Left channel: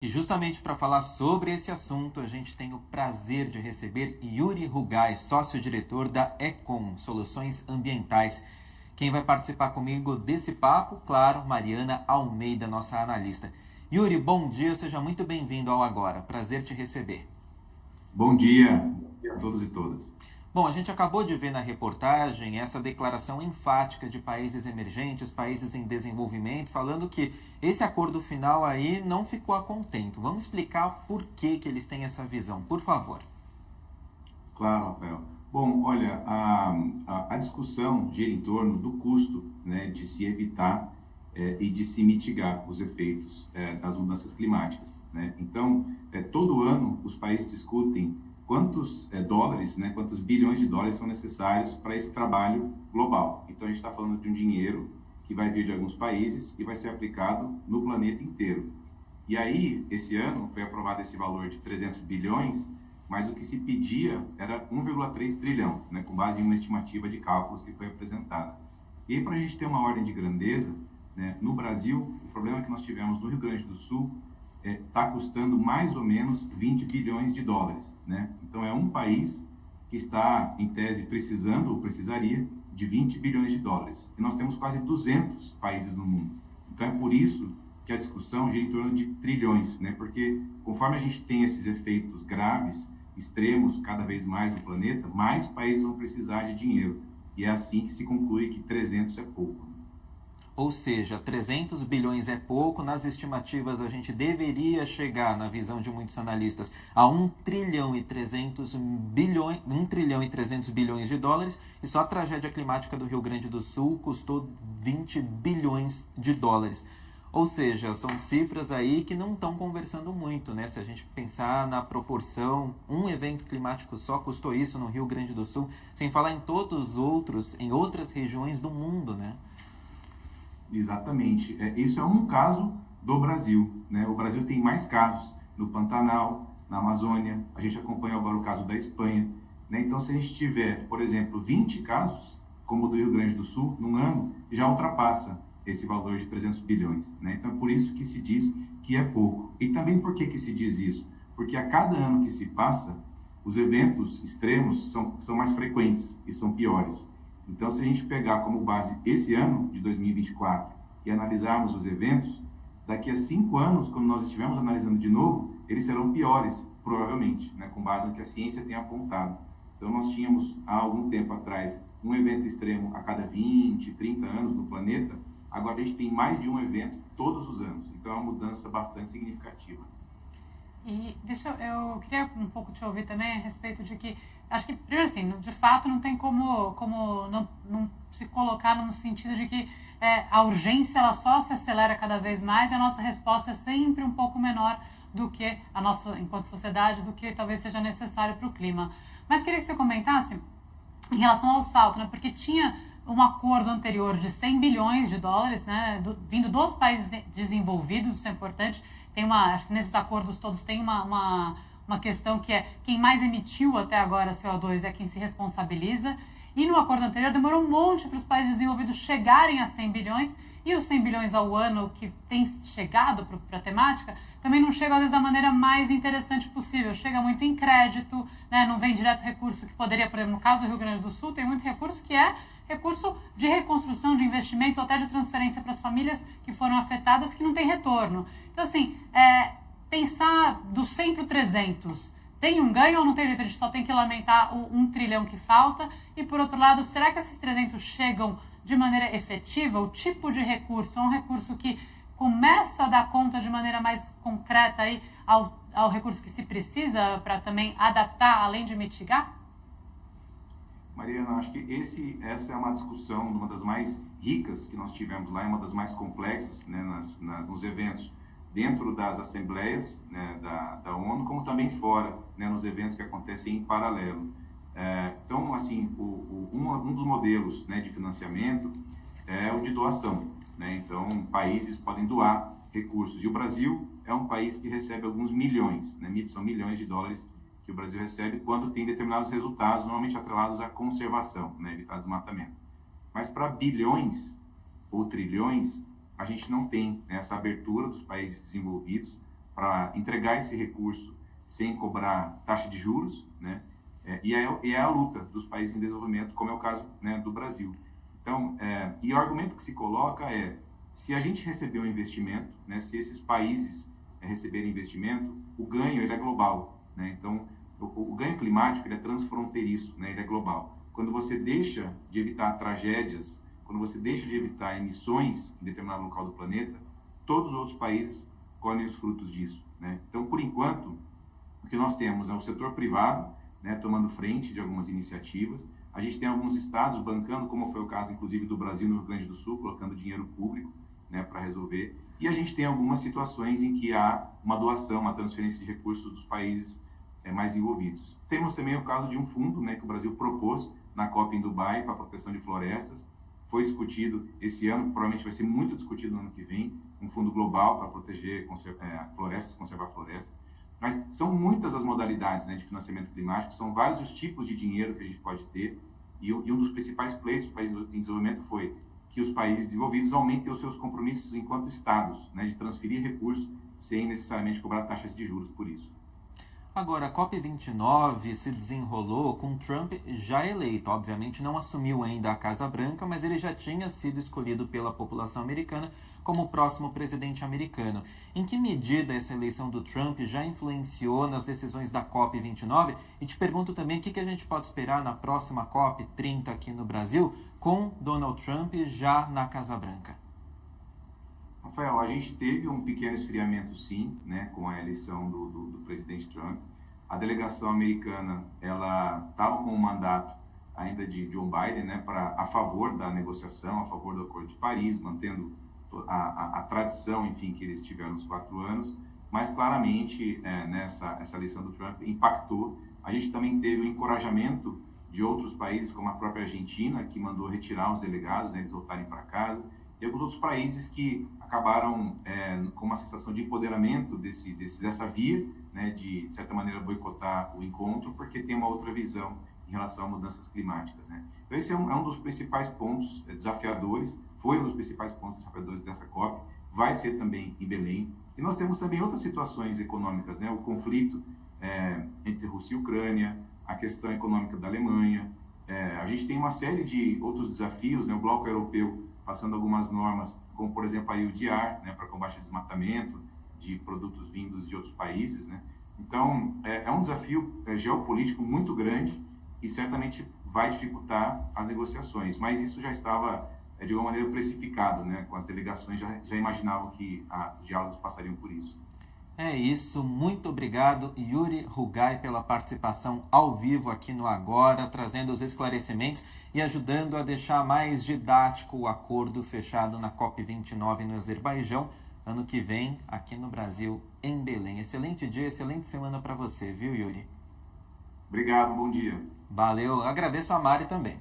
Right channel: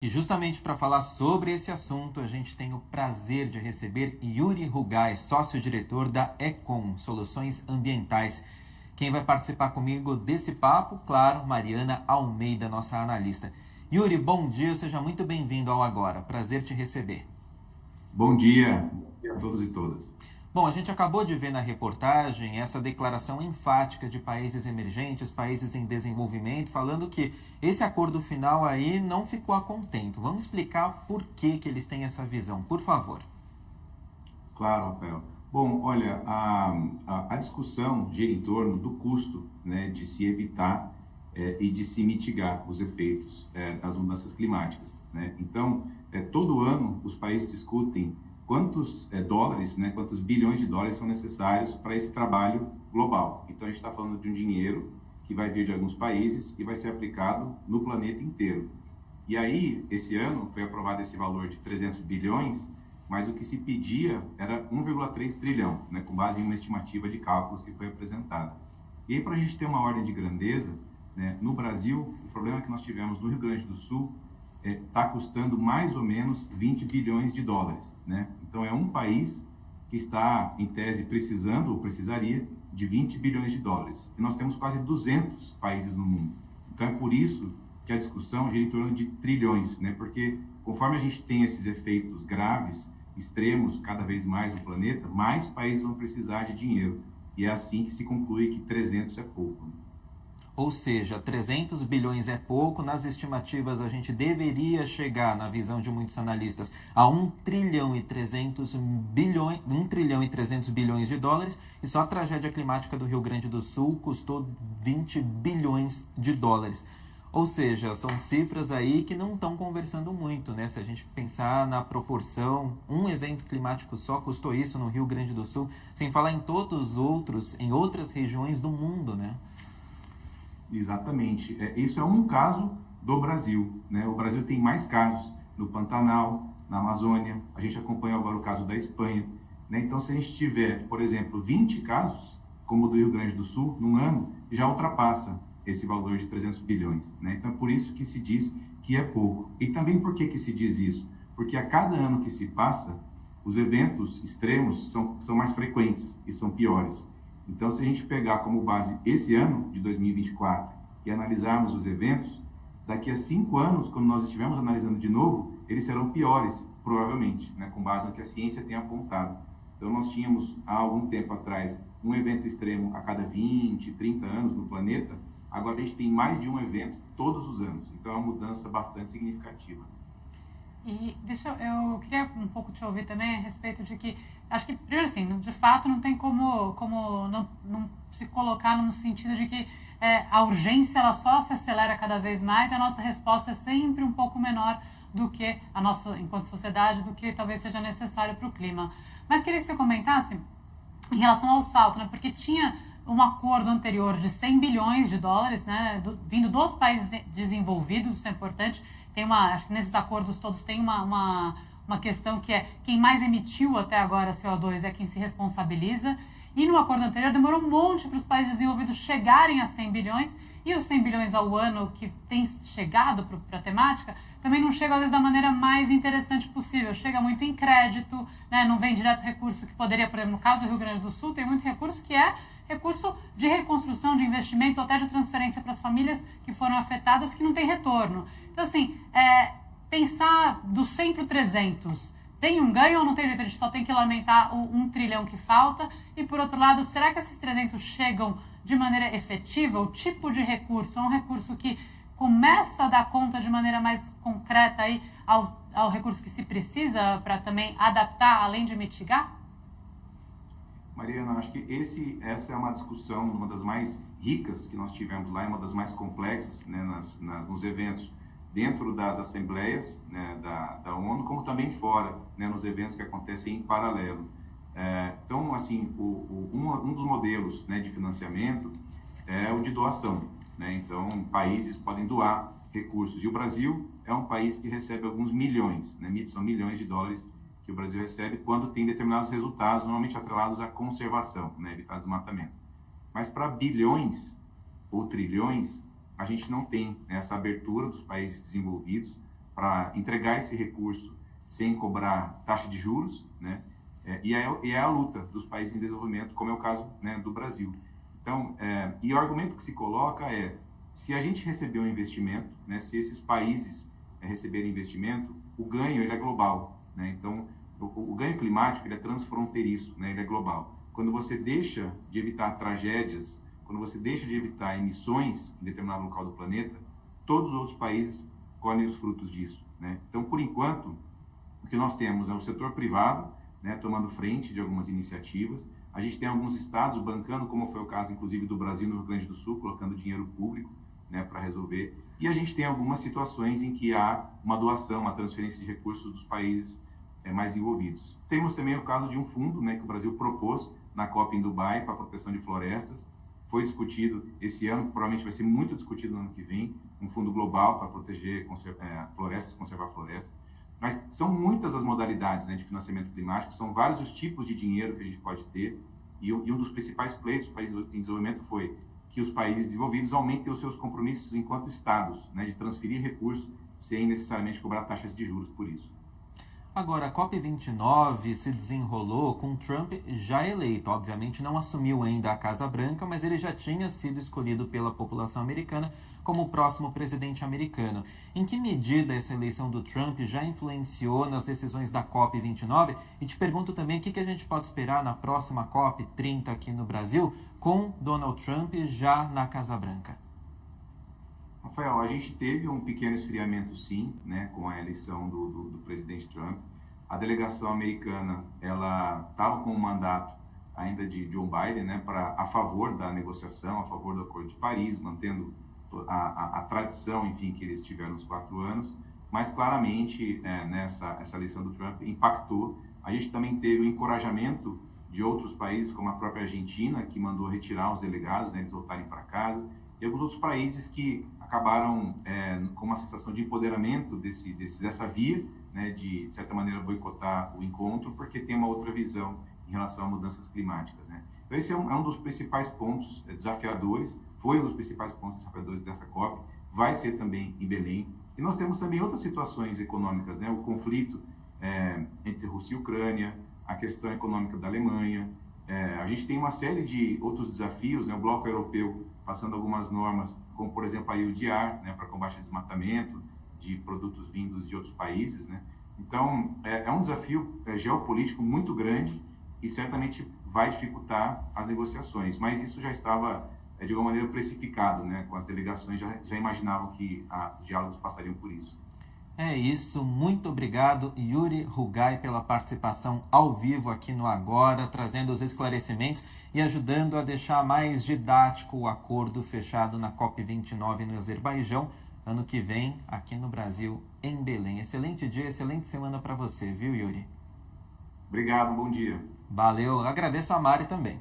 E justamente para falar sobre esse assunto, a gente tem o prazer de receber Yuri Rugai, sócio-diretor da Econ Soluções Ambientais. Quem vai participar comigo desse papo, claro, Mariana Almeida, nossa analista. Yuri, bom dia, seja muito bem-vindo ao Agora. Prazer te receber. Bom dia a todos e todas. Bom, a gente acabou de ver na reportagem essa declaração enfática de países emergentes, países em desenvolvimento, falando que esse acordo final aí não ficou a contento. Vamos explicar por que eles têm essa visão, por favor. Claro, Rafael. Bom, olha, a discussão gira em torno do custo, né, de se evitar e de se mitigar os efeitos das mudanças climáticas, né? Então, todo ano os países discutem quantos dólares, né, quantos bilhões de dólares são necessários para esse trabalho global. Então, a gente está falando de um dinheiro que vai vir de alguns países e vai ser aplicado no planeta inteiro. E aí, esse ano, foi aprovado esse valor de 300 bilhões, mas o que se pedia era 1,3 trilhão, né, com base em uma estimativa de cálculos que foi apresentada. E aí, para a gente ter uma ordem de grandeza, né, no Brasil, o problema que nós tivemos no Rio Grande do Sul está custando mais ou menos 20 bilhões de dólares, né? Então, é um país que está, em tese, precisando ou precisaria de 20 bilhões de dólares. E nós temos quase 200 países no mundo. Então, é por isso que a discussão gira em torno de trilhões, né? Porque conforme a gente tem esses efeitos graves, extremos, cada vez mais no planeta, mais países vão precisar de dinheiro. E é assim que se conclui que 300 é pouco. Ou seja, 300 bilhões é pouco, nas estimativas a gente deveria chegar, na visão de muitos analistas, a 1 trilhão e 300 bilhões, 1 trilhão e 300 bilhões de dólares, e só a tragédia climática do Rio Grande do Sul custou 20 bilhões de dólares. Ou seja, são cifras aí que não estão conversando muito, né? Se a gente pensar na proporção, um evento climático só custou isso no Rio Grande do Sul, sem falar em todos os outros, em outras regiões do mundo, né? Exatamente. Isso é um caso do Brasil, né? O Brasil tem mais casos no Pantanal, na Amazônia. A gente acompanha agora o caso da Espanha, né? Então, se a gente tiver, por exemplo, 20 casos, como o do Rio Grande do Sul, num ano, já ultrapassa esse valor de 300 bilhões, né? Então, é por isso que se diz que é pouco. E também por que se diz isso? Porque a cada ano que se passa, os eventos extremos são mais frequentes e são piores. Então, se a gente pegar como base esse ano de 2024 e analisarmos os eventos, daqui a 5 anos, quando nós estivermos analisando de novo, eles serão piores, provavelmente, né, com base no que a ciência tem apontado. Então, nós tínhamos, há algum tempo atrás, um evento extremo a cada 20, 30 anos no planeta. Agora, a gente tem mais de um evento todos os anos. Então, é uma mudança bastante significativa. E eu queria um pouco te ouvir também a respeito de que, acho que, primeiro assim, de fato não tem como não se colocar no sentido de que a urgência ela só se acelera cada vez mais e a nossa resposta é sempre um pouco menor do que a nossa, enquanto sociedade, do que talvez seja necessário para o clima. Mas queria que você comentasse em relação ao salto, né? Porque tinha um acordo anterior de 100 bilhões de dólares, né, vindo dos países desenvolvidos, isso é importante. Acho que nesses acordos todos tem uma questão que é quem mais emitiu até agora CO2 é quem se responsabiliza. E no acordo anterior demorou um monte para os países desenvolvidos chegarem a 100 bilhões. E os 100 bilhões ao ano que tem chegado para a temática também não chega, às vezes, da maneira mais interessante possível. Chega muito em crédito, né? Não vem direto recurso que poderia, por exemplo, no caso do Rio Grande do Sul, tem muito recurso que é recurso de reconstrução, de investimento, até de transferência para as famílias que foram afetadas, que não tem retorno. Então, assim, pensar do 100 para o 300, tem um ganho ou não tem jeito? A gente só tem que lamentar o 1 trilhão que falta. E, por outro lado, será que esses 300 chegam de maneira efetiva? O tipo de recurso é um recurso que começa a dar conta de maneira mais concreta aí ao recurso que se precisa para também adaptar, além de mitigar? Mariana, acho que essa é uma discussão, uma das mais ricas que nós tivemos lá, é uma das mais complexas, né, nos eventos dentro das assembleias, né, da ONU, como também fora, né, nos eventos que acontecem em paralelo. Então, assim, um dos modelos, né, de financiamento é o de doação, né? Então, países podem doar recursos. E o Brasil é um país que recebe alguns milhões, né? São milhões de dólares que o Brasil recebe quando tem determinados resultados, normalmente atrelados à conservação, né, evitar desmatamento. Mas para bilhões ou trilhões, a gente não tem, né, essa abertura dos países desenvolvidos para entregar esse recurso sem cobrar taxa de juros, né? E é a luta dos países em desenvolvimento, como é o caso, né, do Brasil. Então, e o argumento que se coloca é, se a gente receber um investimento, né, se esses países receberem investimento, o ganho ele é global, né? Então, o ganho climático ele é transfronteiriço, né? Ele é global. Quando você deixa de evitar tragédias, quando você deixa de evitar emissões em determinado local do planeta, todos os outros países colhem os frutos disso, né? Então, por enquanto, o que nós temos é o setor privado, né, tomando frente de algumas iniciativas. A gente tem alguns estados bancando, como foi o caso, inclusive, do Brasil no Rio Grande do Sul, colocando dinheiro público, né, para resolver. E a gente tem algumas situações em que há uma doação, uma transferência de recursos dos países mais envolvidos. Temos também o caso de um fundo, né, que o Brasil propôs na COP em Dubai para a proteção de florestas. Foi discutido esse ano, provavelmente vai ser muito discutido no ano que vem, um fundo global para proteger florestas, conservar florestas. Mas são muitas as modalidades, né, de financiamento climático, são vários os tipos de dinheiro que a gente pode ter, e um dos principais pleitos dos países em desenvolvimento foi que os países desenvolvidos aumentem os seus compromissos enquanto estados, né, de transferir recursos sem necessariamente cobrar taxas de juros por isso. Agora, a COP29 se desenrolou com Trump já eleito. Obviamente não assumiu ainda a Casa Branca, mas ele já tinha sido escolhido pela população americana como o próximo presidente americano. Em que medida essa eleição do Trump já influenciou nas decisões da COP29? E te pergunto também o que a gente pode esperar na próxima COP30 aqui no Brasil, com Donald Trump já na Casa Branca. Rafael, a gente teve um pequeno esfriamento, sim, né, com a eleição do presidente Trump. A delegação americana, ela estava com um mandato ainda de Joe Biden, né, a favor da negociação, a favor do Acordo de Paris, mantendo a tradição, enfim, que eles tiveram nos 4 anos. Mas, claramente, essa eleição do Trump impactou. A gente também teve o encorajamento de outros países, como a própria Argentina, que mandou retirar os delegados, né, eles voltarem para casa, e alguns outros países que acabaram com uma sensação de empoderamento dessa via, né, de certa maneira, boicotar o encontro, porque tem uma outra visão em relação a mudanças climáticas, né? Então, esse é um dos principais pontos desafiadores, foi um dos principais pontos desafiadores dessa COP, vai ser também em Belém. E nós temos também outras situações econômicas, né? O conflito entre Rússia e Ucrânia, a questão econômica da Alemanha. A gente tem uma série de outros desafios, né? O bloco europeu passando algumas normas, como, por exemplo, a EUDR, né, para combate ao desmatamento de produtos vindos de outros países, né? Então, é um desafio geopolítico muito grande e certamente vai dificultar as negociações, mas isso já estava, de alguma maneira, precificado, né? Com as delegações já imaginavam que os diálogos passariam por isso. É isso, muito obrigado, Yuri Rugai, pela participação ao vivo aqui no Agora, trazendo os esclarecimentos e ajudando a deixar mais didático o acordo fechado na COP29 no Azerbaijão, ano que vem, aqui no Brasil, em Belém. Excelente dia, excelente semana para você, viu, Yuri? Obrigado, bom dia. Valeu, agradeço a Mari também.